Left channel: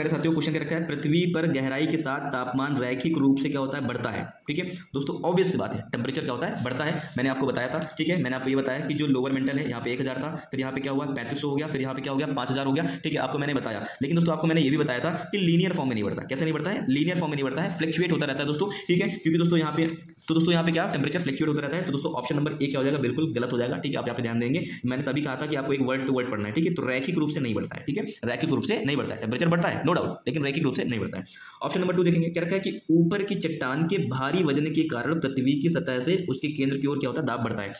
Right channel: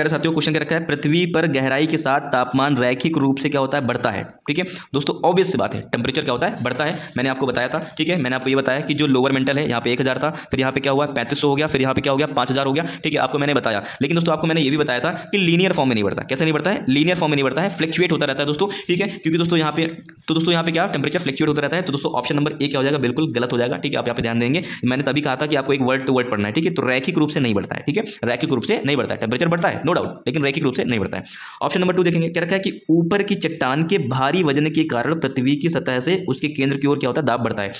प्यारे साथियों क्वेश्चन क्या रखा है, पृथ्वी पर गहराई के साथ तापमान रैखिक रूप से क्या होता है, बढ़ता है। ठीक है दोस्तों, ऑब्वियस सी बात है, टेम्परेचर क्या होता है, बढ़ता है। मैंने आपको बताया था, ठीक है, मैंने आपको ये बताया कि जो लोअर मेंटल है यहाँ पे 1000 था, फिर यहाँ पे क्या हुआ 3500 हो गया, फिर यहाँ पे क्या हो गया 5000 हो गया। ठीक है, आपको मैंने बताया। लेकिन दोस्तों आपको मैंने ये भी बताया था कि लीनियर फॉर्म में नहीं बढ़ता। कैसे नहीं बढ़ता है, लीनियर फॉर्म में नहीं बढ़ता है, फ्लक्चुएट होता रहता है दोस्तों। ठीक है, क्योंकि दोस्तों यहाँ पे क्या टेम्परेचर फ्लक्चुएट होता रहता है। तो दोस्तों ऑप्शन नंबर ए क्या हो जाएगा, बिल्कुल गलत हो जाएगा। ठीक है, आप यहाँ पे ध्यान देंगे, मैंने तभी कहा था कि आपको एक वर्ड टू वर्ड पढ़ना है। ठीक है, तो रैखिक रूप से नहीं बढ़ता है। ठीक है, रैखिक रूप से नहीं बढ़ता है, टेम्परेचर बढ़ता है नो डाउट, लेकिन रैखिक रूप से नहीं बढ़ता है। ऑप्शन नंबर 2 देखेंगे, क्या रखा है कि ऊपर की चट्टान के भारी वजन के कारण पृथ्वी की सतह से उसके केंद्र की ओर क्या होता है, दाब बढ़ता है।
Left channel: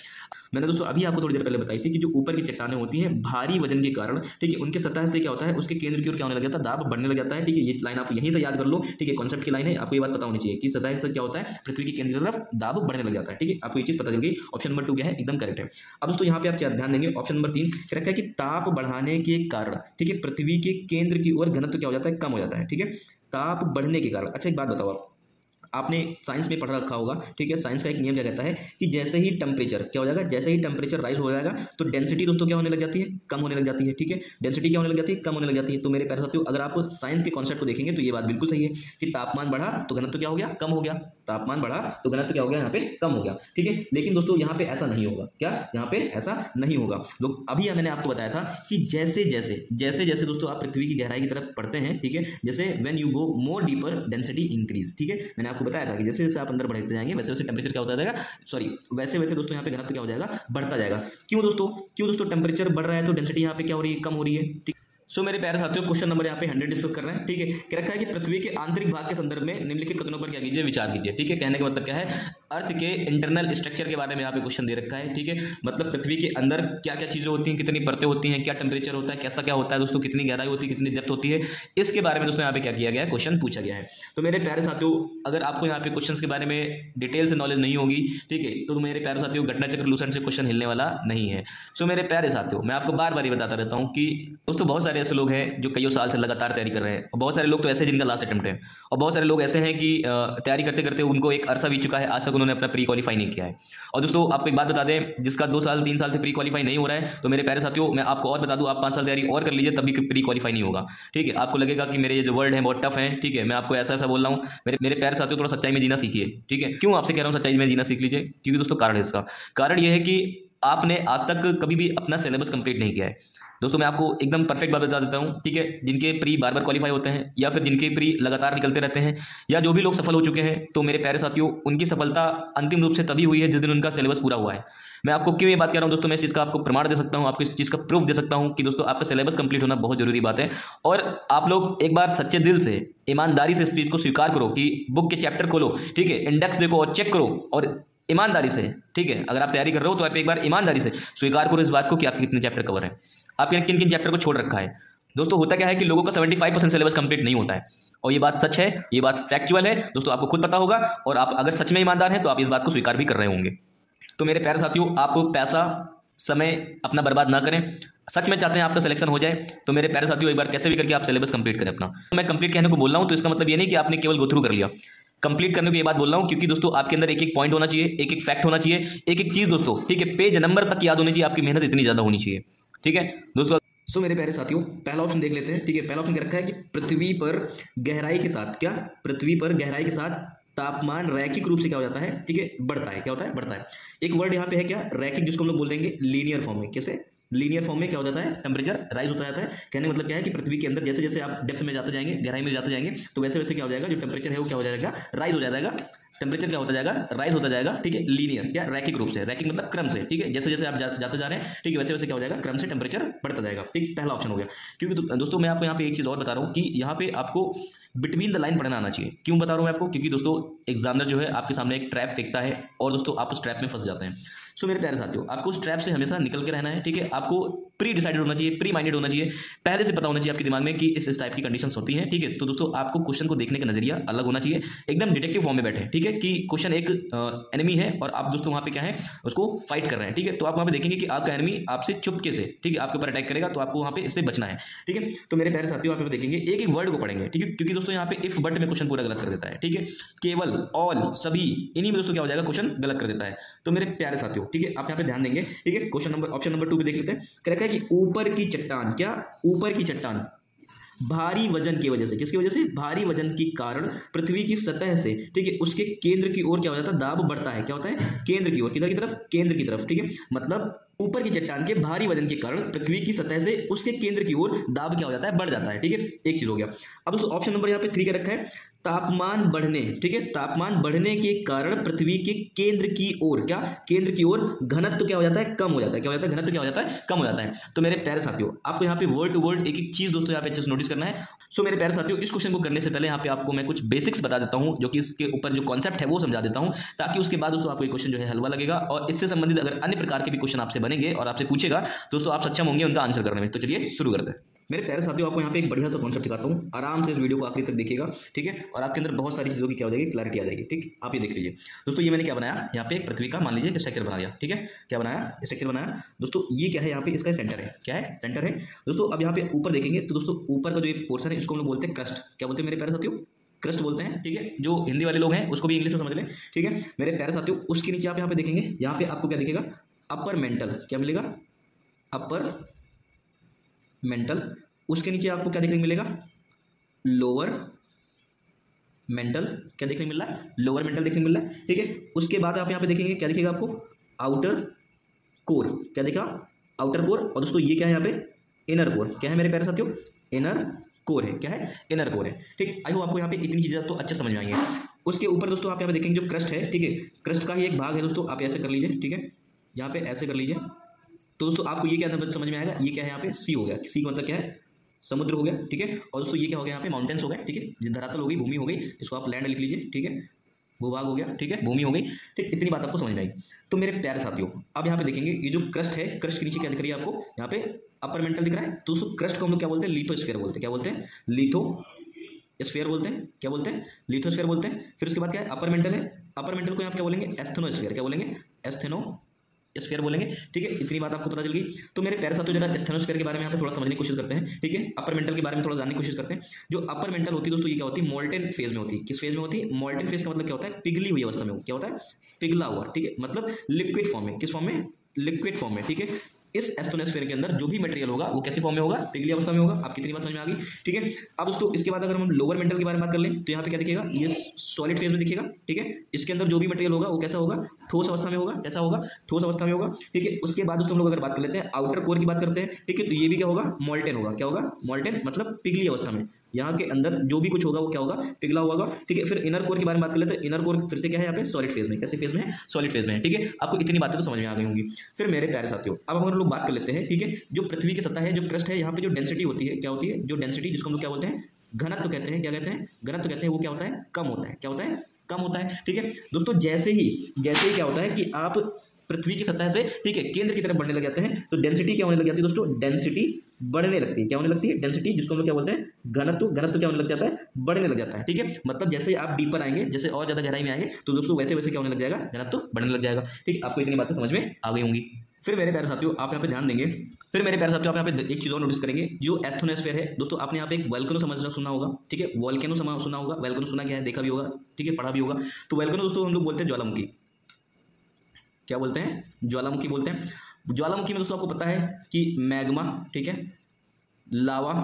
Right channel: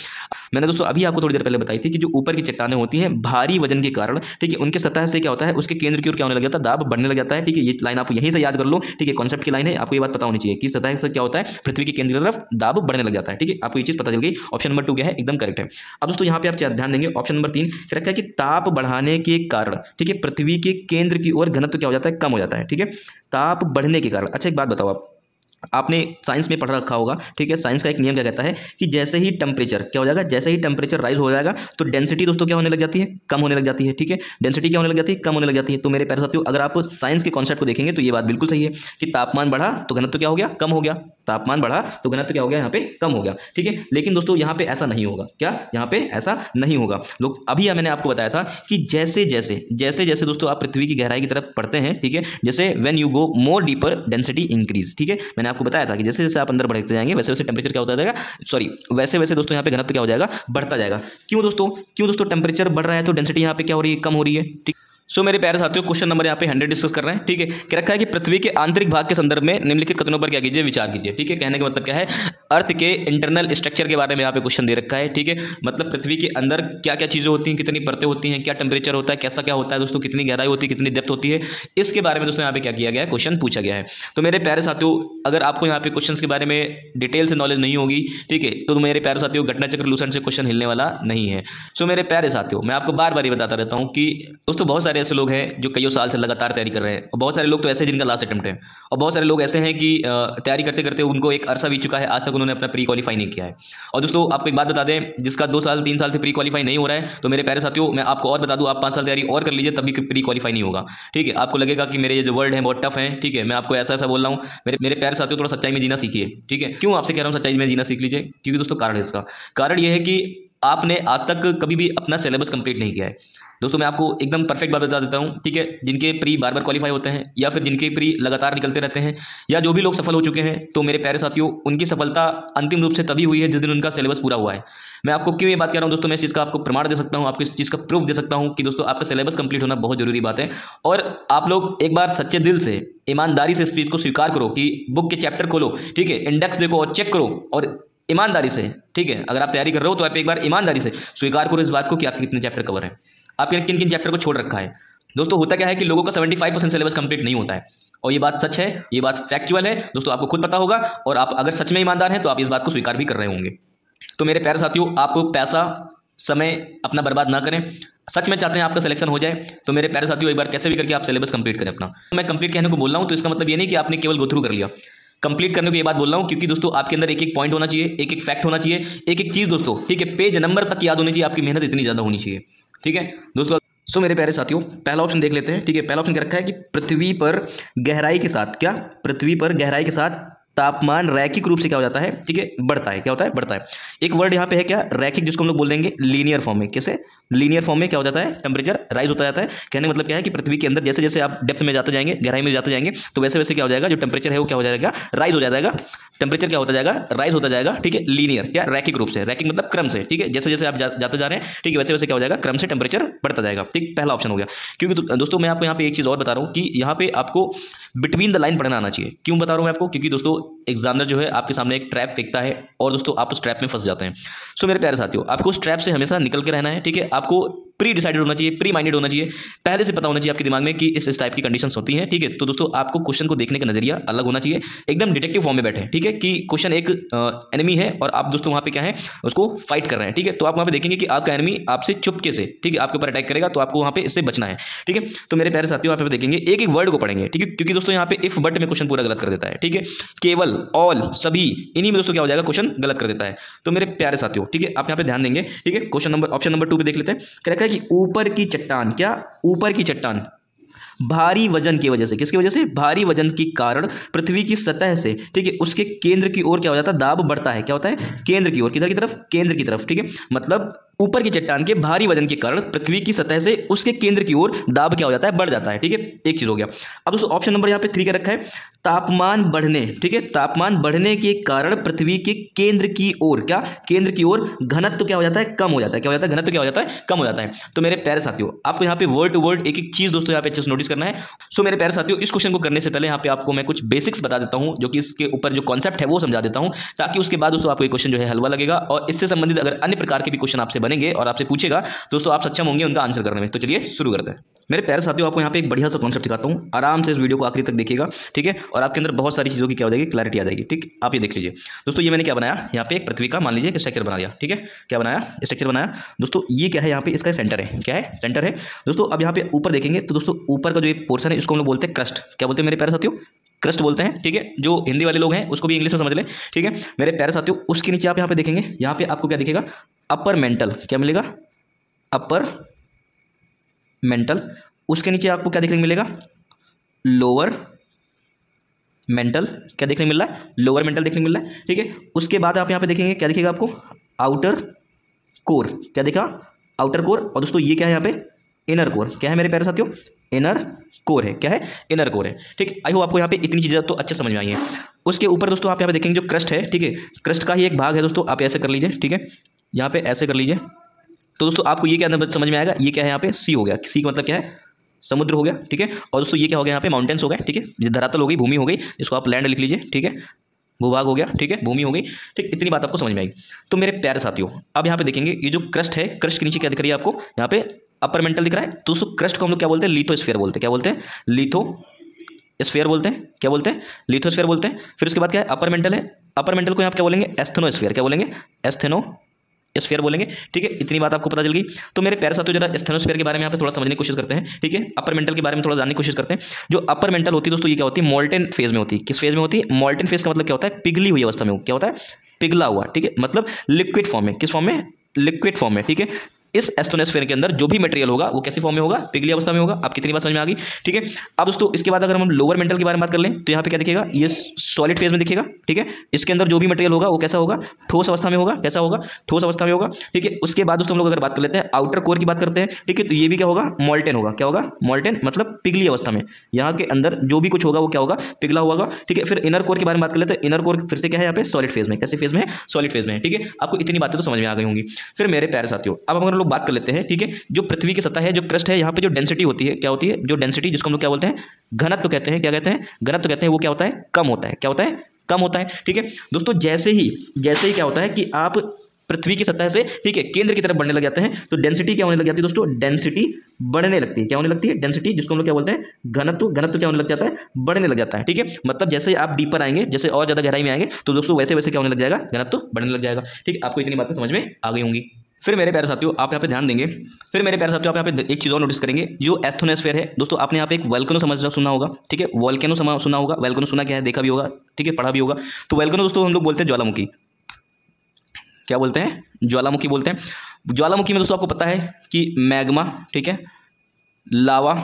मैंने दोस्तों अभी आपको थोड़ी देर पहले बताई थी कि जो ऊपर की चट्टानें होती हैं भारी वजन के कारण, ठीक है, उनके सतह से क्या होता है, उसके केंद्र की ओर क्या होने लग जाता है, दाब बढ़ने लग जाता है। ठीक है, ये लाइन आप यहीं से याद कर लो। ठीक है, कॉन्सेप्ट की लाइन है, आपको ये बात पता होनी चाहिए कि सतह से क्या होता है, पृथ्वी के केंद्र की तरफ दाब बढ़ने लग जाता है। ठीक है, आपको ये चीज पता चल गई। ऑप्शन नंबर 2 क्या है, एकदम करेक्ट है। अब दोस्तों यहाँ पे आप ध्यान देंगे, ऑप्शन नंबर 3 रखा है कि ताप बढ़ाने के कारण, ठीक है, पृथ्वी के केंद्र की ओर घनत्व क्या हो जाता है, कम हो जाता है। ठीक है, ताप बढ़ने के कारण। अच्छा एक बात बताओ, आपने साइंस में पढ़ रखा होगा, ठीक है, साइंस का एक नियम क्या कहता है कि जैसे ही टेम्परेचर क्या हो जाएगा, जैसे ही टेम्परेचर राइज हो जाएगा तो डेंसिटी दोस्तों क्या होने लग जाती है, कम होने लग जाती है। ठीक है, डेंसिटी क्या होने लग जाती है, कम होने लग जाती है। तो मेरे प्यारे साथियों अगर आप साइंस के कॉन्सेप्ट को देखेंगे तो ये बात बिल्कुल सही है कि तापमान बढ़ा तो घनत्व क्या हो गया, कम हो गया। तापमान बढ़ा तो घनत्व क्या हो गया, यहाँ पे कम हो गया। ठीक है, लेकिन दोस्तों यहाँ पे ऐसा नहीं होगा। क्या यहाँ पे ऐसा नहीं होगा। लोग अभी मैंने आपको बताया था कि जैसे जैसे दोस्तों आप पृथ्वी की गहराई की तरफ पढ़ते हैं, ठीक है, जैसे when you go more deeper density increase. ठीक है, मैंने आपको बताया था कि जैसे जैसे आप अंदर बढ़ते जाएंगे वैसे वैसे टेम्परेचर क्या होता जाएगा, सॉरी वैसे वैसे दोस्तों यहाँ पे घनत्व क्या हो जाएगा, बढ़ता जाएगा। क्यों दोस्तों टेम्परेचर बढ़ रहा है तो डेंसिटी यहाँ पे क्या हो रही है, कम हो रही है। ठीक, सो मेरे प्यारे साथियों क्वेश्चन नंबर यहाँ पे 100 डिस्कस कर रहे हैं। ठीक है, क्या रखा है कि पृथ्वी के आंतरिक भाग के संदर्भ में निम्नलिखित कथनों पर क्या कीजिए, विचार कीजिए। ठीक है, कहने का मतलब क्या है, अर्थ के इंटरनल स्ट्रक्चर के बारे में यहाँ पे क्वेश्चन दे रखा है। ठीक है, मतलब पृथ्वी के अंदर क्या क्या चीजें होती हैं, कितनी परतें होती हैं, क्या टेम्परेचर होता है, कैसा क्या होता है दोस्तों, कितनी गहराई होती है, कितनी डेप्थ होती है, इसके बारे में दोस्तों यहाँ पे क्या किया गया है, क्वेश्चन पूछा गया है। तो मेरे प्यारे साथियों अगर आपको यहाँ पे क्वेश्चन के बारे में डिटेल से नॉलेज नहीं होगी, ठीक है, तो मेरे प्यारे साथियों घटना चक्र लूसेंट से क्वेश्चन हिलने वाला नहीं है। सो मेरे प्यारे साथियों मैं आपको बार बार ये बताता रहता हूँ कि दोस्तों बहुत सारे ऐसे लोग हैं जो कईयों साल से लगातार तैयारी कर रहे हैं, और बहुत सारे लोग तो ऐसे हैं जिनका लास्ट अटेम्प्ट है, और बहुत सारे लोग ऐसे हैं कि तैयारी करते करते उनको एक अरसा बीत चुका है, आज तक उन्होंने अपना प्री क्वालीफाई नहीं किया है। और दोस्तों आपको एक बात बता दें, जिसका 2 साल 3 साल से प्री क्वालीफाई नहीं हो रहा है, तो मेरे प्यारे साथियों मैं आपको और बता दूं, आप 5 साल तैयारी और कर लीजिए तभी प्री क्वालीफाई नहीं होगा। ठीक है, आपको लगेगा कि मेरे ये जो वर्ड है बहुत टफ है। ठीक है, मैं आपको ऐसा ऐसा बोल रहा हूँ, मेरे प्यारे साथियों थोड़ा सच्चाई में जीना सीखिए। ठीक है, क्यों आपसे कह रहा हूँ सच्चाई में जीना सीख लीजिए, क्योंकि दोस्तों कारण है इसका, कारण यह है कि आपने आज तक कभी भी अपना सिलेबस कंप्लीट नहीं किया है। दोस्तों मैं आपको एकदम परफेक्ट बात बता देता हूं, ठीक है, जिनके प्री बार बार क्वालीफाई होते हैं या फिर जिनके प्री लगातार निकलते रहते हैं या जो भी लोग सफल हो चुके हैं, तो मेरे प्यारे साथियों उनकी सफलता अंतिम रूप से तभी हुई है जिस दिन उनका सिलेबस पूरा हुआ है। मैं आपको क्यों ये बात कह रहा हूं दोस्तों, मैं इस चीज़ का आपको प्रमाण दे सकता हूं, आपको इस चीज़ का प्रूफ दे सकता हूं कि दोस्तों आपका सिलेबस कंप्लीट होना बहुत जरूरी बात है। और आप लोग एक बार सच्चे दिल से ईमानदारी से इस चीज़ को स्वीकार करो कि बुक के चैप्टर खोलो, ठीक है, इंडेक्स देखो और चेक करो, और ईमानदारी से, ठीक है, अगर आप तैयारी कर रहे हो तो आप एक बार ईमानदारी से स्वीकार करो इस बात को कि आपके कितने चैप्टर कवर है, आपने किन किन चैप्टर को छोड़ रखा है। दोस्तों होता क्या है कि लोगों का 75% सिलेबस कंप्लीट नहीं होता है, और ये बात सच है, ये बात फैक्चुअल है दोस्तों, आपको खुद पता होगा, और आप अगर सच में ईमानदार हैं तो आप इस बात को स्वीकार भी कर रहे होंगे। तो मेरे प्यारे साथियों आप पैसा समय अपना बर्बाद ना करें, सच में चाहते हैं आपका सिलेक्शन हो जाए, तो मेरे प्यारे साथियों एक बार कैसे भी करके आप सिलेबस कंप्लीट करें अपना। मैं कंप्लीट कहने को बोल रहा हूँ तो इसका मतलब ये नहीं कि आपने केवल गो थ्रू कर लिया, कंप्लीट करने को ये बात बोल रहा हूं क्योंकि दोस्तों आपके अंदर एक एक पॉइंट होना चाहिए, एक एक फैक्ट होना चाहिए, एक एक चीज दोस्तों, ठीक है, पेज नंबर तक याद होनी चाहिए, आपकी मेहनत इतनी ज्यादा होनी चाहिए। ठीक है दोस्तों, सो मेरे प्यारे साथियों पहला ऑप्शन देख लेते हैं। ठीक है, पहला ऑप्शन क्या रखा है कि पृथ्वी पर गहराई के साथ, क्या पृथ्वी पर गहराई के साथ तापमान रैखिक रूप से क्या हो जाता है, ठीक है, बढ़ता है। क्या होता है, बढ़ता है। एक वर्ड यहाँ पे है क्या, रैखिक, जिसको हम लोग बोल देंगे लीनियर फॉर्म में। कैसे, लीनियर फॉर्म में क्या हो जाता है, टेम्परेचर राइज होता जाता है। कहने का मतलब क्या है कि पृथ्वी के अंदर जैसे जैसे आप डेप्थ में जाते जाएंगे, गहराई में जाते जाएंगे, तो वैसे वैसे क्या हो जाएगा, जो टेम्परेचर है वो क्या हो जाएगा, राइज हो जाएगा। टेम्परेचर क्या होता जाएगा, राइज होता जाएगा। ठीक है, लीनियर क्या, रैखिक रूप से, रैखिक मतलब क्रम से। ठीक है, जैसे जैसे आप जाते जा रहे हैं, ठीक है, वैसे वैसे क्या हो जाएगा, क्रम से टेम्परेचर बढ़ता जाएगा। ठीक, पहला ऑप्शन हो गया। क्योंकि दोस्तों मैं आपको यहाँ पे एक चीज़ और बता रहा हूँ कि यहाँ पे आपको बिटवीन द लाइन पढ़ना आना चाहिए। क्यों बता रहा हूँ मैं आपको, क्योंकि दोस्तों एग्जामिनर जो है आपके सामने एक ट्रैप फेंकता है और दोस्तों आप उस ट्रैप में फंस जाते हैं। सो मेरे प्यारे साथियों आपको उस ट्रैप से हमेशा निकल के रहना है। ठीक है, आपको प्री डिसाइडेड होना चाहिए, प्री माइंडेड होना चाहिए, पहले से पता होना चाहिए आपके दिमाग में कि इस टाइप की कंडीशंस होती हैं। ठीक है, तो दोस्तों आपको क्वेश्चन को देखने का नजरिया अलग होना चाहिए, एकदम डिटेक्टिव फॉर्म में बैठे। ठीक है, कि क्वेश्चन एक एनिमी है और आप दोस्तों वहां पे क्या है, उसको फाइट कर रहे हैं। ठीक है, तो आप वहां पे देखेंगे कि आपका एनिमी आपसे चुपके से, ठीक है, आपके ऊपर अटैक करेगा, तो आपको वहां पे इससे बचना है। ठीक है, तो मेरे प्यारे साथियों वहां पे देखेंगे, एक एक वर्ड को पढ़ेंगे। ठीक है, क्योंकि दोस्तों यहाँ पे इफ बट में क्वेश्चन पूरा गलत कर देता है। ठीक है, केवल, ऑल, सभी, इन्हीं में दोस्तों क्या हो जाएगा, क्वेश्चन गलत कर देता है। तो मेरे प्यारे साथियों, ठीक है, आप यहाँ पे ध्यान देंगे। ठीक है, क्वेश्चन नंबर, ऑप्शन नंबर 2 पे देख लेते हैं। क्या रखा है कि ऊपर की चट्टान, क्या ऊपर की चट्टान भारी वजन की वजह से, किसकी वजह से? भारी वजन के कारण पृथ्वी की सतह से, ठीक है, उसके केंद्र की ओर क्या हो जाता है? दाब बढ़ता है। क्या होता है? केंद्र की ओर। किधर की तरफ? केंद्र की तरफ, ठीक है। मतलब ऊपर की चट्टान के भारी वजन के कारण पृथ्वी की सतह से उसके केंद्र की ओर दाब क्या हो जाता है? बढ़ जाता है, ठीक है। एक चीज हो गया। अब दोस्तों ऑप्शन नंबर यहाँ पे 3 का रखा है, तापमान बढ़ने, ठीक है, तापमान बढ़ने के कारण पृथ्वी के केंद्र की ओर, क्या? केंद्र की ओर घनत्व क्या हो जाता है? कम हो जाता है। क्या हो जाता है? घनत्व क्या हो जाता है? कम हो जाता है। तो मेरे प्यारे साथियों, आपको यहाँ पे वर्ड टू वर्ड एक एक चीज दोस्तों यहाँ पे अच्छे से नोटिस करना है। सो मेरे प्यारे साथियों, इस क्वेश्चन को करने से पहले यहाँ पे आपको मैं कुछ बेसिक्स बता देता हूँ, जो कि इसके ऊपर जो कॉन्सेप्ट है वो समझा देता हूँ, ताकि उसके बाद दोस्तों आपको ये क्वेश्चन जो है हलवा लगेगा। और इससे संबंधित अगर अन्य प्रकार के भी क्वेश्चन आपसे बनेंगे और आपसे पूछेगा दोस्तों, आप सक्षम होंगे उनका आंसर करने में। तो चलिए शुरू करते हैं। मेरे प्यारे साथियों, आपको यहाँ पे एक बढ़िया सा कॉन्सेप्ट सिखाता हूँ, आराम से इस वीडियो को आखिरी तक देखिएगा, ठीक है। और आपके अंदर बहुत सारी चीज़ों की क्या हो जाएगी? क्लैरिटी आ जाएगी, ठीक। आप ये देख लीजिए दोस्तों, ये मैंने क्या बनाया यहाँ पे? एक पृथ्वी का मान लीजिए स्ट्रक्चर बना दिया, ठीक है। क्या बनाया? स्ट्रक्चर बनाया दोस्तों। ये क्या है? यहाँ पे इसका सेंटर है। क्या है? सेंटर है दोस्तों। अब यहाँ पे ऊपर देखेंगे तो दोस्तों ऊपर का जो एक पोर्शन है इसको हम लोग बोलते हैं क्रस्ट। क्या बोलते हैं मेरे प्यारे साथियों? क्रस्ट बोलते हैं, ठीक है। जो हिंदी वाले लोग हैं उसको भी इंग्लिश में समझ लें, ठीक है मेरे प्यारे साथियों। उसके नीचे आप यहाँ पे देखेंगे, यहाँ पे आपको क्या दिखेगा? Upper mantle. क्या मिलेगा? Upper mantle. उसके नीचे आपको क्या देखने को मिलेगा? Lower mental. क्या देखने को मिल रहा है? लोअर मेंटल देखने को मिल रहा है, ठीक है। उसके बाद आप यहाँ पे देखेंगे, क्या दिखेगा आपको? Outer core. क्या दिखा? Outer core. और दोस्तों ये क्या है यहाँ पे? Inner core. क्या है मेरे प्यारे साथियों? इनर कोर है। क्या है? इनर कोर है, ठीक। आई होप आपको यहाँ पे इतनी चीज़ें तो अच्छे समझ में आई है। उसके ऊपर दोस्तों आप यहाँ पे देखेंगे जो क्रस्ट है, ठीक है, क्रस्ट का ही एक भाग है दोस्तों। आप ऐसे कर लीजिए, ठीक है, यहाँ पे ऐसे कर लीजिए। तो दोस्तों आपको ये क्या समझ में आएगा? ये क्या है यहाँ पे? सी हो गया। सी का मतलब क्या है? समुद्र हो गया, ठीक है। और दोस्तों ये क्या हो गया? यहाँ पे माउंटेन्स हो गए, ठीक है। ये धरातल हो गई, भूमि हो गई, इसको आप लैंड लिख लीजिए, ठीक है। भूभाग हो गया, ठीक है, भूमि हो गई, ठीक। इतनी बात आपको समझ में आई। तो मेरे प्यारे साथियों, अब यहाँ पे देखेंगे ये जो क्रस्ट है, क्रस्ट के नीचे क्या दिख रही है आपको? यहाँ पे अपर मेंटल दिख रहा है। तो दोस्तों क्रस्ट को हम लोग क्या बोलते हैं? लिथोस्फीयर बोलते हैं। क्या बोलते हैं? लिथोस्फीयर बोलते हैं। क्या बोलते हैं? लिथोस्फीयर बोलते हैं। फिर उसके बाद क्या है? अपर मेंटल है। अपर मेंटल को यहाँ पे क्या बोलेंगे? एस्थेनोस्फीयर। क्या बोलेंगे? एस्थेनोस्फीयर बोलेंगे, ठीक है। इतनी बात आपको पता चल गई। तो मेरे प्यारे साथियों, जरा एस्थेनोस्फीयर के बारे में यहाँ पे थोड़ा समझने की कोशिश करते हैं, ठीक है। अपर मेंटल के बारे में थोड़ा जानने की कोशिश करते हैं। जो अपर मेंटल होती है दोस्तों, ये क्या होती है? मोल्टेन फेज में होती है। किस फेज में होती है? मोल्टेन फेज का मतलब क्या होता है? पिघली हुई अवस्था में। क्या होता है? पिघला हुआ, ठीक है। मतलब लिक्विड फॉर्म में। किस फॉर्म में? लिक्विड फॉर्म में, ठीक है। इस एस्थेनोस्फीयर के अंदर जो भी मटेरियल होगा वो कैसी फॉर्म में होगा? पिघली अवस्था में होगा। आप कितनी बात समझ में आ गई, ठीक है। अब दोस्तों इसके बाद अगर हम लोअर मेंटल के बारे में बात कर लें तो यहाँ पे क्या दिखेगा? ये सॉलिड फेज में दिखेगा, ठीक है। इसके अंदर जो भी मटेरियल होगा वो कैसा होगा? ठोस अवस्था में होगा। कैसा होगा? ठोस अवस्था में होगा, ठीक है। उसके बाद दोस्तों हम लोग अगर बात कर लेते हैं आउटर कोर की बात करते हैं, ठीक है। तो ये भी क्या होगा? मोल्टेन होगा। क्या होगा? मोल्टेन, मतलब पिघली अवस्था में। यहाँ के अंदर जो भी कुछ होगा वो क्या होगा? पिघला हुआ होगा, ठीक है। फिर इनर कोर के बारे में बात कर लेते हैं। इनर कोर फिर से क्या है? यहाँ पे सॉलिड फेज में। कैसे फेज में है? सॉलिड फेज में है, ठीक है। आपको इतनी बातें तो समझ में आ गई होंगी। फिर मेरे प्यारे साथियों, अब हम लोग बात कर लेते हैं, ठीक है। जो पृथ्वी की सतह है, जो क्रस्ट है, यहाँ पे जो डेंसिटी होती है, क्या होती है? जो डेंसिटी, जिसको हम लोग क्या बोलते हैं? घनत्व कहते हैं। क्या कहते हैं? घनत्व कहते हैं। वो क्या होता है? कम होता है। क्या होता है? कम होता है, ठीक है दोस्तों। जैसे ही क्या होता है कि आप पृथ्वी की सतह से, ठीक है, केंद्र की तरफ बढ़ने लग जाते हैं तो डेंसिटी क्या होने लग जाती है दोस्तों? डेंसिटी बढ़ने लगती है। क्या होने लगती है? डेंसिटी, जिसको हम लोग क्या बोलते हैं? घनत्व। घनत्व क्या होने लग जाता है? बढ़ने लग जाता है, ठीक है। मतलब जैसे आप डीपर आएंगे, जैसे और ज्यादा गहराई में आएंगे तो दोस्तों वैसे वैसे क्या होने लग जाएगा? घनत्व बढ़ने लग जाएगा, ठीक है। आपको इतनी बातें समझ में आ गई होंगी। फिर मेरे प्यारे साथियों, आप यहाँ पे ध्यान देंगे। फिर मेरे प्यारे साथियों, आप यहाँ पे एक चीज़ और नोटिस करेंगे। जो एस्थेनोस्फीयर है दोस्तों, आपने यहाँ पे एक वोल्केनो सुना होगा, ठीक है। वोल्केनो सुना होगा। वोल्केनो सुना क्या है? देखा भी होगा, ठीक है, पढ़ा भी होगा। तो वोल्केनो दोस्तों हम लोग बोलते हैं ज्वालामुखी। क्या बोलते हैं? ज्वालामुखी बोलते हैं। ज्वालामुखी में दोस्तों आपको पता है कि मैग्मा, ठीक है, लावा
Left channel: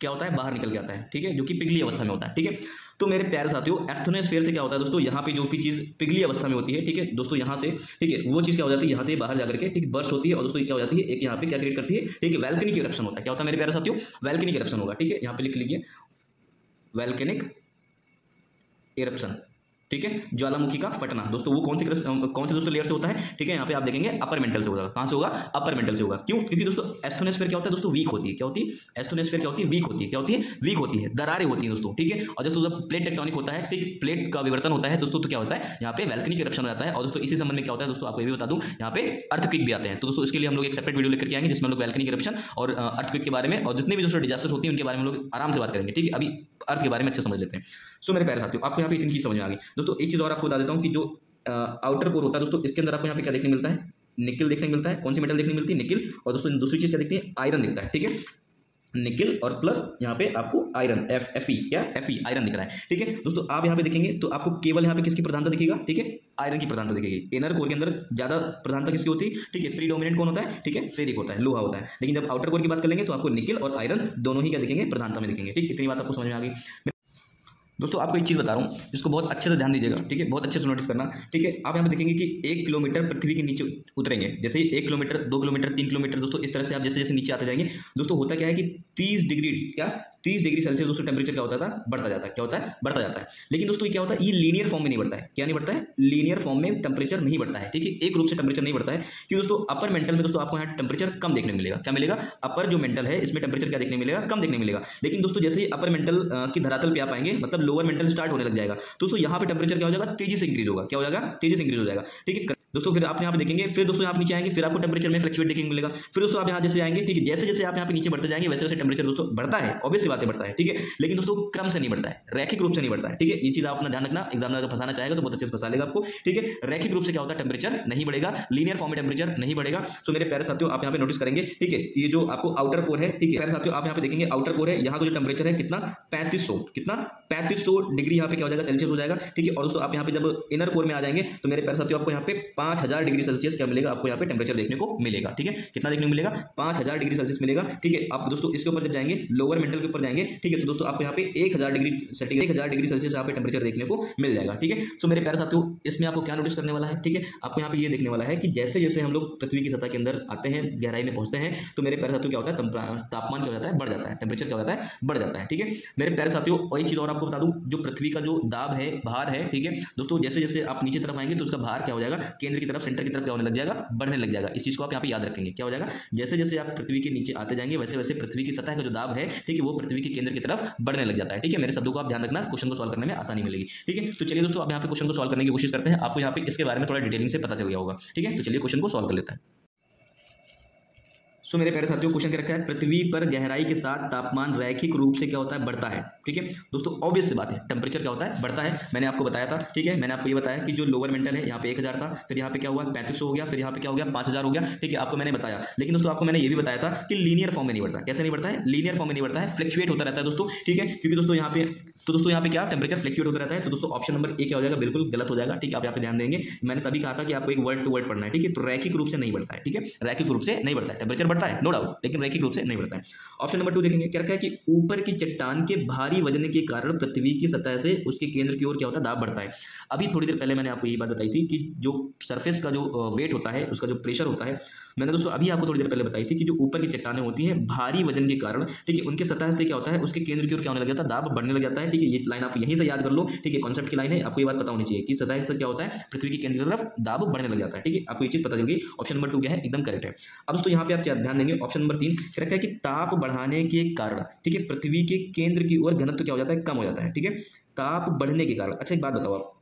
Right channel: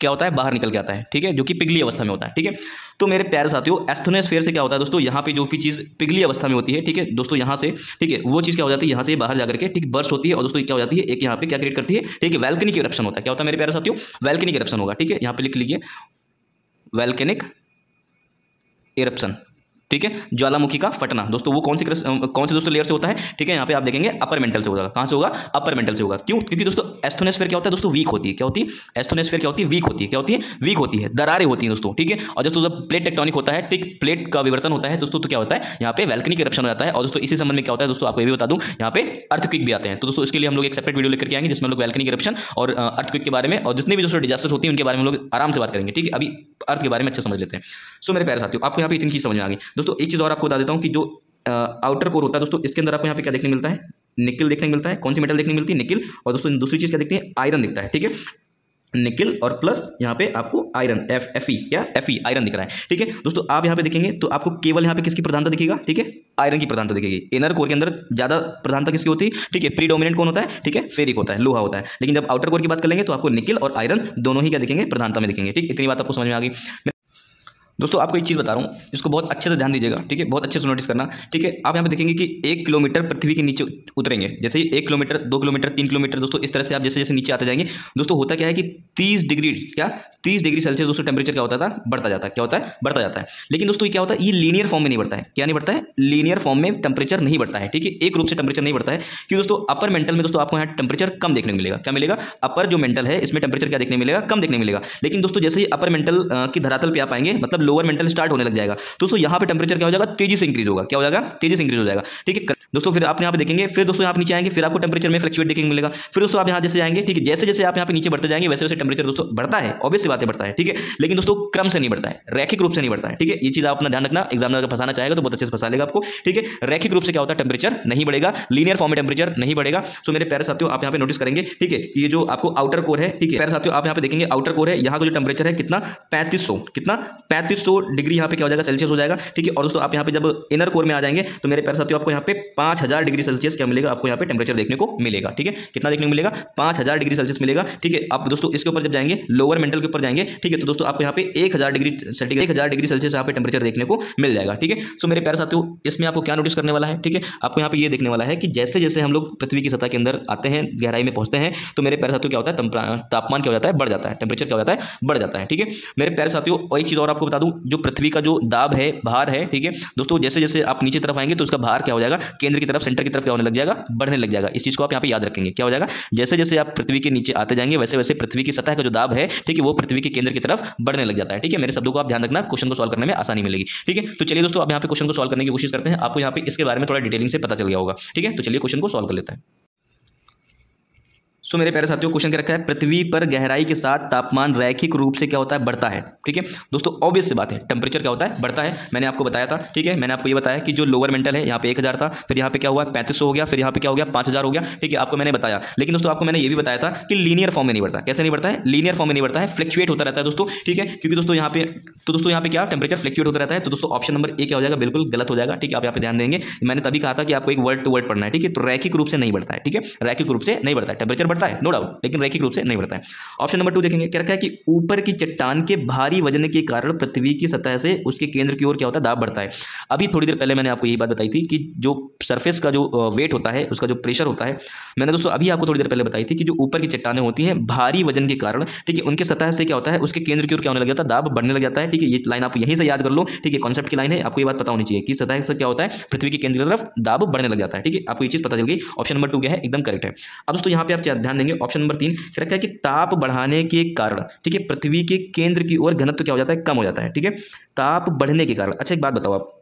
क्या होता है? बाहर निकल के आता है, ठीक है, जो कि पिघली अवस्था में होता है, ठीक है। तो मेरे प्यारे साथियों, एस्थेनोस्फीयर से क्या होता है दोस्तों? यहाँ पे जो भी चीज़ पिघली अवस्था में होती है, ठीक है दोस्तों, यहाँ से, ठीक है, वो चीज़ क्या हो जाती है? यहाँ से बाहर जाकर के, ठीक, बर्स्ट होती है। और दोस्तों क्या हो जाती है? एक यहाँ पे क्या क्रिएट करती है? ठीक है, वोल्केनिक इरप्शन होता है। क्या होता है मेरे प्यारे साथियों? वोल्केनिक इरप्शन होगा, ठीक है। यहाँ पे लिख लीजिए वोल्केनिक इरप्शन, ठीक है। ज्वालामुखी का फटना दोस्तों, वो कौन सी दोस्तों लेयर से होता है? ठीक है, यहाँ पे आप देखेंगे अपर मेंटल से होगा। कहाँ से होगा? अपर मेंटल से होगा। क्यों? क्योंकि दोस्तों एस्थेनोस्फीयर क्या होता है दोस्तों? वीक होती है। क्या होती है? एस्थेनोस्फीयर क्या होती है? वीक होती है। क्या होती है? वीक होती है, दरारें होती हैं दोस्तों, ठीक है। और दोस्तों जब प्लेट टेक्टोनिक होता है, ठीक, प्लेट का विवर्तन होता है दोस्तों, तो क्या होता है? यहाँ पे वोल्केनिक इरप्शन हो जाता है। और दोस्तों इसी संबंध में क्या होता है दोस्तों, आपको ये भी बता दूं, यहाँ पे अर्थक्वेक भी आते हैं। तो दोस्तों इसके लिए हम लोग एक सेपरेट वीडियो लेकर के आएंगे जिसमें हम लोग वोल्केनिक इरप्शन और अर्थक्वेक के बारे में और जितने भी दोस्तों डिजास्टर होती है उनके बारे में हम लोग आराम से बात करेंगे, ठीक है। अभी अर्थ के बारे में अच्छे समझ लेते हैं। सो मेरे प्यारे साथियों, आपको यहाँ पे इतनी चीज समझ में आ गई दोस्तों। एक चीज और आपको बता देता हूँ कि जो आउटर कोर होता है दोस्तों, इसके अंदर आपको यहाँ पे क्या देखने मिलता है? निकल देखने मिलता है। कौन सी मेटल देखने मिलती है? निकल। और दोस्तों दूसरी चीज क्या दिखती है? आयरन दिखता है, ठीक है। निकल और प्लस यहाँ पे आपको आयरन, Fe आयरन दिख रहा है, ठीक है दोस्तों। आप यहाँ पे देखेंगे तो आपको केवल यहाँ पे किसकी प्रधानता दिखेगा? ठीक है, आयरन की प्रधानता दिखेगी। इनर कोर के अंदर ज़्यादा प्रधानता किसकी होती है, ठीक है, प्रीडोमिनेंट कौन होता है, ठीक है, फेरिक होता है, लोहा होता है। लेकिन जब आउटर कोर की बात कर लेंगे तो आपको निकिल और आयरन दोनों ही क्या दिखेंगे, प्रधानता में दिखेंगे। ठीक, इतनी बात आपको समझ में आ गई। दोस्तों आपको एक चीज़ बता रहा हूँ, इसको बहुत अच्छे से ध्यान दीजिएगा, ठीक है, बहुत अच्छे से नोटिस करना। ठीक है, आप यहाँ पे देखेंगे कि 1 किलोमीटर पृथ्वी के नीचे उतरेंगे, जैसे ही 1 किलोमीटर, 2 किलोमीटर, 3 किलोमीटर, दोस्तों इस तरह से आप जैसे जैसे नीचे आते जाएंगे, दोस्तों होता क्या है कि 30 डिग्री सेल्सियस दोस्तों टेम्परेचर क्या होता था, बढ़ता जाता है। क्या होता है, बढ़ता जाता है। लेकिन दोस्तों ये क्या होता है, ये लीनियर फॉर्म में नहीं बढ़ता है। क्या नहीं बढ़ता है, लीनियर फॉर्म में टेम्परेचर नहीं बढ़ता है। ठीक है, एक रूप से टेम्परेचर नहीं बढ़ता है। क्यों दोस्तों, अपर मेंटल में दोस्तों आपको यहाँ टेम्परेचर कम देखने को मिलेगा। क्या मिलेगा, अपर जो मेंटल है इसमें टेम्परेचर क्या देखने मिलेगा, कम देखने मिलेगा। लेकिन दोस्तों जैसे ही अपर मेंटल की धरातल पे आप आएंगे, मतलब लोअर मेंटल स्टार्ट होने लग जाएगा, दोस्तों यहाँ पे टेम्परेचर क्या हो जाएगा, तेजी से इंक्रीज होगा। क्या हो जाएगा, तेजी से इंक्रीज हो जाएगा। ठीक है दोस्तों, फिर आप यहाँ पे देखेंगे, फिर दोस्तों यहाँ पे नीचे आएंगे, फिर आपको टेम्परेचर में फ्लक्चुएट देखने को मिलेगा। फिर दोस्तों आप यहाँ जैसे आएंगे, ठीक है, जैसे जैसे आप यहाँ पे नीचे बढ़ते जाएंगे वैसे वैसे टेम्परेचर दोस्तों बढ़ता है, ऑब्वियस सी बात है बढ़ता है। ठीक है, लेकिन दोस्तों क्रम से नहीं बढ़ता है, रैखिक रूप से नहीं बढ़ता है। ठीक है, ये चीज आप अपना ध्यान रखना, एग्जामिनर अगर फंसाना चाहेगा तो बहुत अच्छे से फंसा लेगा आपको। ठीक है, रैखिक रूप से क्या होता है, टेम्परेचर नहीं बढ़ेगा, लीनियर फॉर्म में टेम्परेचर नहीं बढ़ेगा। सो मेरे प्यारे साथियों आप यहाँ पे नोटिस करेंगे, ठीक है, ये जो आपको आउटर कोर है, ठीक है प्यारे साथियों, आप यहाँ पे देखेंगे आउटर कोर है, यहाँ का जो टेम्परेचर है कितना, 3500 डिग्री यहाँ पे क्या हो जाएगा, सेल्सियस हो जाएगा। ठीक है, और दोस्तों आप यहाँ पे जब इनर कोर में आ जाएंगे तो मेरे प्यारे साथियों आपको यहाँ पे 5000 डिग्री सेल्सियस क्या मिलेगा, आपको यहाँ पे टेम्परेचर देखने को मिलेगा। ठीक है, कितना देखने को मिलेगा, 5000 डिग्री सेल्सियस मिलेगा। ठीक है, आप दोस्तों इसके ऊपर जब जाएंगे, लोअर मेंटल के ऊपर जाएंगे, ठीक है, तो दोस्तों आपको यहाँ पे 1000 डिग्री सेल्सियस यहाँ पे टेम्परेचर देखने को मिल जाएगा। ठीक है, सो मेरे प्यारे साथियों इसमें आपको क्या नोटिस करने वाला है, ठीक है, आपको यहाँ पे ये देखने वाला है कि जैसे जैसे हम लोग पृथ्वी की सतह के अंदर आते हैं, गहराई में पहुंचते हैं, तो मेरे प्यारे साथियों क्या होता है, तापमान क्या हो जाता है, बढ़ जाता है, टेम्परेचर क्या हो जाता है, बढ़ जाता है। ठीक है, मेरे प्यारे साथियों और एक चीज और आपको बता दूं, जो पृथ्वी का जो दाब है, भार है, ठीक है दोस्तों, जैसे जैसे आप नीचे तरफ आएंगे तो उसका भार क्या हो जाएगा, केंद्र की तरफ, सेंटर की तरफ क्या होने लग जाएगा, बढ़ने लग जाएगा। इस चीज को आप यहाँ पे याद रखेंगे। क्या हो जाएगा, जैसे जैसे आप पृथ्वी के नीचे आते जाएंगे वैसे वैसे पृथ्वी की सतह का जो दाब है, ठीक है, वो पृथ्वी के केंद्र की तरफ बढ़ने लग जाता है। ठीक है, मेरे शब्दों को आप ध्यान रखना, क्वेश्चन को सॉल्व करने में आसानी मिलेगी। ठीक है, तो चलिए दोस्तों अब यहाँ पे क्वेश्चन को सॉल्व करने की कोशिश करते हैं। आपको यहाँ पे इसके बारे में थोड़ा डिटेलिंग से पता चल गया होगा। ठीक है, तो चलिए क्वेश्चन को सॉल्व कर लेते हैं। सो मेरे प्यारे साथियों क्वेश्चन क्या रखा है, पृथ्वी पर गहराई के साथ तापमान रैखिक रूप से क्या होता है, बढ़ता है। ठीक है दोस्तों, ऑब्वियस सी बात है, टेम्परेचर क्या होता है, बढ़ता है। मैंने आपको बताया था, ठीक है, मैंने आपको ये बताया कि जो लोअर मेंटल है यहाँ पे 1000 था, फिर यहाँ पे क्या हुआ 3500 हो गया, फिर यहाँ पे क्या हो गया 5000 हो गया। ठीक है, आपको मैंने बताया। लेकिन दोस्तों आपको मैंने ये भी बताया था कि लीनियर फॉर्म में नहीं बढ़ता। कैसे नहीं बढ़ता है, लीनियर फॉर्म में नहीं बढ़ता है, फ्लक्चुएट होता रहता है दोस्तों। ठीक है, क्योंकि दोस्तों यहाँ पे यहाँ पे क्या टेम्परेचर फ्लक्चुएट होता रहता है। तो दोस्तों ऑप्शन नंबर ए क्या हो जाएगा, बिल्कुल गलत हो जाएगा। ठीक है, आप यहाँ पे ध्यान देंगे, मैंने तभी कहा था कि आपको एक वर्ड टू वर्ड पढ़ना है। ठीक है, तो रैखिक रूप से नहीं बढ़ता है। ठीक है, रैखिक रूप से नहीं बढ़ता है, टेम्परेचर बढ़ता है नो डाउट, लेकिन रैखिक रूप से नहीं बढ़ता है। ऑप्शन नंबर 2 देखेंगे, क्या रखा है कि ऊपर की चट्टान के भारी वजन के कारण पृथ्वी की सतह से उसके केंद्र की ओर क्या होता है, दाब बढ़ता है। अभी थोड़ी देर पहले मैंने आपको यही बात बताई थी कि जो सरफेस का जो वेट होता है, उसका जो प्रेशर होता है, मैंने दोस्तों अभी आपको थोड़ी देर पहले बताई थी कि जो ऊपर की चट्टानें होती हैं भारी वजन के कारण, ठीक है, उनके सतह से क्या होता है, उसके केंद्र की ओर क्या होने लग जाता है, दाब बढ़ने लग जाता है। ठीक है, ये लाइन आप यहीं से याद कर लो। ठीक है, कॉन्सेप्ट की लाइन है, आपको ये बात पता होनी चाहिए कि सतह से क्या होता है, पृथ्वी के केंद्र की तरफ दाब बढ़ने लग जाता है। ठीक है, आपको ये चीज पता चल गई। ऑप्शन नंबर 2 क्या है, एकदम करेक्ट है। अब दोस्तों यहाँ पे आप ध्यान देंगे, ऑप्शन नंबर 3 क्या रखा है कि ताप बढ़ाने के कारण, ठीक है, पृथ्वी के केंद्र की ओर घनत्व क्या हो जाता है, कम हो जाता है। ठीक है, ताप बढ़ने के कारण। अच्छा एक बात बताओ,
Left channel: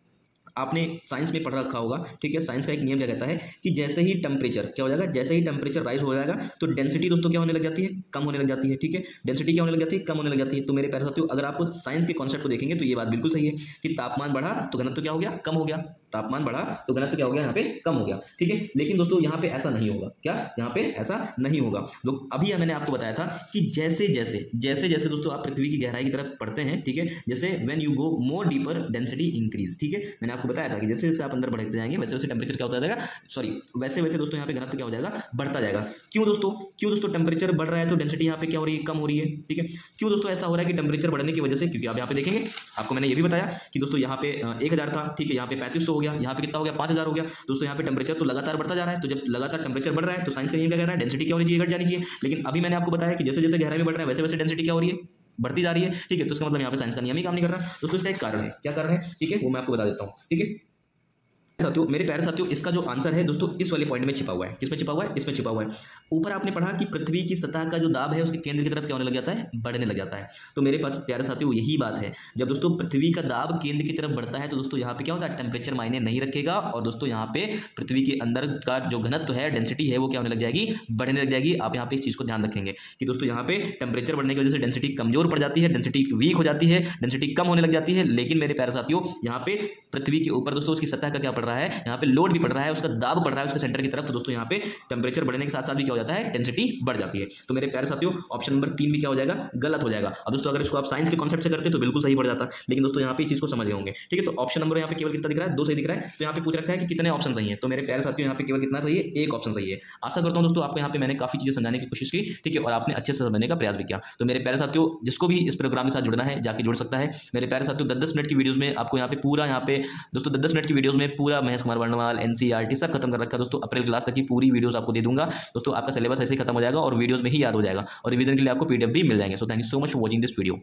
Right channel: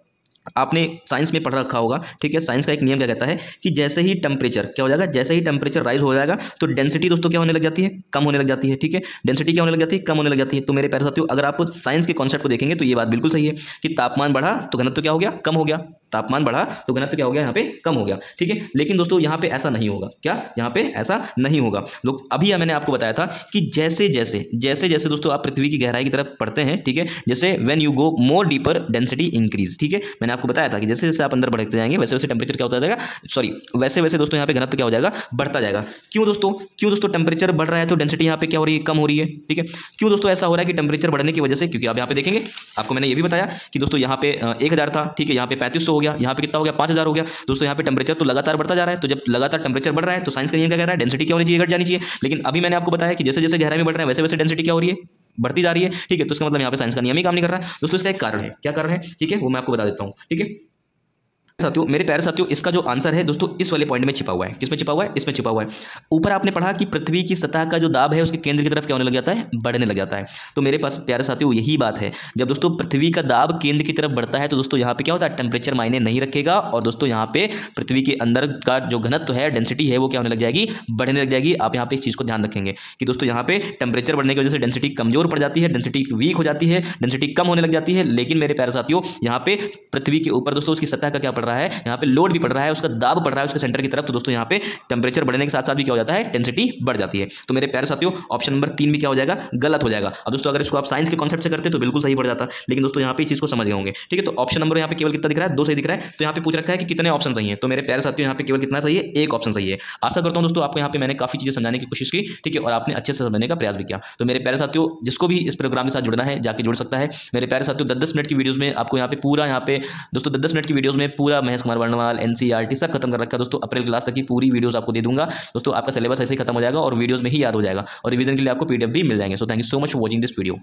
आपने साइंस में पढ़ रखा होगा, ठीक है, साइंस का एक नियम क्या कहता है कि जैसे ही टेम्परेचर क्या हो जाएगा, जैसे ही टेम्परेचर राइज हो जाएगा तो डेंसिटी दोस्तों क्या होने लग जाती है, कम होने लग जाती है। ठीक है, डेंसिटी क्या होने लग जाती है, कम होने लग जाती है। तो मेरे प्यारे साथियों अगर आप साइंस के कॉन्सेप्ट को देखेंगे तो ये बात बिल्कुल सही है कि तापमान बढ़ा तो घनत्व क्या हो गया, कम हो गया। तापमान बढ़ा तो घनत्व क्या हो गया, यहाँ पे कम हो गया। ठीक है, लेकिन दोस्तों यहाँ पे ऐसा नहीं होगा। क्या, यहाँ पे ऐसा नहीं होगा। लोग अभी मैंने आपको बताया था कि जैसे जैसे दोस्तों आप पृथ्वी की गहराई की तरफ पढ़ते हैं, ठीक है, जैसे when you go more deeper density increase. ठीक है, मैंने आपको बताया था कि जैसे जैसे आप अंदर बढ़ते जाएंगे वैसे वैसे टेम्परेचर क्या होता जाएगा, वैसे वैसे दोस्तों यहाँ पे घनत्व क्या हो जाएगा, बढ़ता जाएगा। क्यों दोस्तों टेम्परेचर बढ़ रहा है तो डेंसिटी यहाँ पे क्या हो रही है, कम हो रही है। ठीक है, क्यों दोस्तों ऐसा हो रहा है कि टेम्परेचर बढ़ने की वजह से, क्योंकि आप यहाँ पे देखेंगे, आपको मैंने ये भी बताया कि दोस्तों यहाँ पे 1000 था, ठीक है, यहाँ पे 3500 हो गया, यहाँ पे कितना हो गया, 5000 हो गया। दोस्तों यहाँ पे टेम्परेचर तो लगातार बढ़ता जा रहा है। तो जब लगातार टेम्परेचर बढ़ रहा है तो साइंस का नियम क्या कह रहा है, डेंसिटी क्या होनी चाहिए, घट जानी चाहिए। लेकिन अभी मैंने आपको बताया कि जैसे जैसे गहराई में बढ़ रहे हैं वैसे वैसे डेंसिटी क्या हो रही है, बढ़ती जा रही है। ठीक है, तो इसका मतलब यहाँ पे साइंस का नियम ही काम नहीं कर रहा है दोस्तों। इसका एक कारण है, क्या कारण है, ठीक है, वो मैं आपको बता देता हूँ। ठीक है साथियों, मेरे प्यारे साथियों, इसका जो आंसर है दोस्तों इस वाले पॉइंट में छिपा हुआ है। किसमें छिपा हुआ है, इसमें छिपा हुआ है। ऊपर आपने पढ़ा कि पृथ्वी की सतह का जो दाब है उसके केंद्र की तरफ क्या होने लग जाता है, बढ़ने लग जाता है। तो मेरे पास प्यारे साथियों यही बात है, जब दोस्तों पृथ्वी का दाब केंद्र की तरफ बढ़ता है तो दोस्तों यहाँ पे क्या होता है, टेम्परेचर मायने नहीं रखेगा और दोस्तों यहाँ पे पृथ्वी के अंदर का जो घनत्व है, डेंसिटी है, वो क्या होने लग जाएगी, बढ़ने लग जाएगी। आप यहाँ पे इस चीज को ध्यान रखेंगे कि दोस्तों यहाँ पे टेम्परेचर बढ़ने की वजह से डेंसिटी कमजोर पड़ जाती है, डेंसिटी वीक हो जाती है, डेंसिटी कम होने लग जाती है। लेकिन मेरे प्यारे साथियों यहाँ पे पृथ्वी के ऊपर दोस्तों उसकी सतह का क्या पड़ रहा रहा है, यहाँ पे लोड भी पड़ रहा है, उसका दाब पड़ रहा है उसके सेंटर की तरफ, तो दोस्तों यहाँ पे टेम्परेचर बढ़ने के साथ साथ भी क्या हो जाता है, डेंसिटी बढ़ जाती है। तो मेरे प्यारे साथियों ऑप्शन नंबर 3 भी क्या हो जाएगा, गलत हो जाएगा। अब दोस्तों अगर इसको आप साइंस के कॉन्सेप्ट से करते तो बिल्कुल सही पड़ जाता, लेकिन दोस्तों यहाँ पे चीज को समझ गए होंगे। ठीक है, तो ऑप्शन नंबर यहाँ पे केवल कितना दिख रहा है, 2 सही दिख रहा है। तो यहाँ पे पूछ रखा है कि कितने ऑप्शन सही है, तो मेरे प्यारे साथियों यहाँ पे केवल कितना सही है, एक ऑप्शन सही है। आशा करता हूँ दोस्तों आपको यहाँ पे मैंने काफी चीजें समझाने की कोशिश की, ठीक है, और आपने अच्छे से समझने का प्रयास भी किया। तो मेरे प्यारे साथियों जिसको भी इस प्रोग्राम के साथ जुड़ना है जाके जुड़ सकता है। मेरे प्यारे साथियों 10-10 मिनट की वीडियोस में आपको यहाँ पे पूरा, यहाँ पे दोस्तों 10-10 मिनट की वीडियोस में पूरा महेश कुमार वर्णवाल, एनसीईआरटी सब खत्म कर रखा है दोस्तों। अप्रैल क्लास तक की पूरी वीडियोस आपको दे दूंगा दोस्तों। आपका सिलेबस ऐसे ही खत्म हो जाएगा और वीडियोस में ही याद हो जाएगा, और रिवीजन के लिए आपको पीडीएफ भी मिल जाएंगे। So thank you so much for watching this video.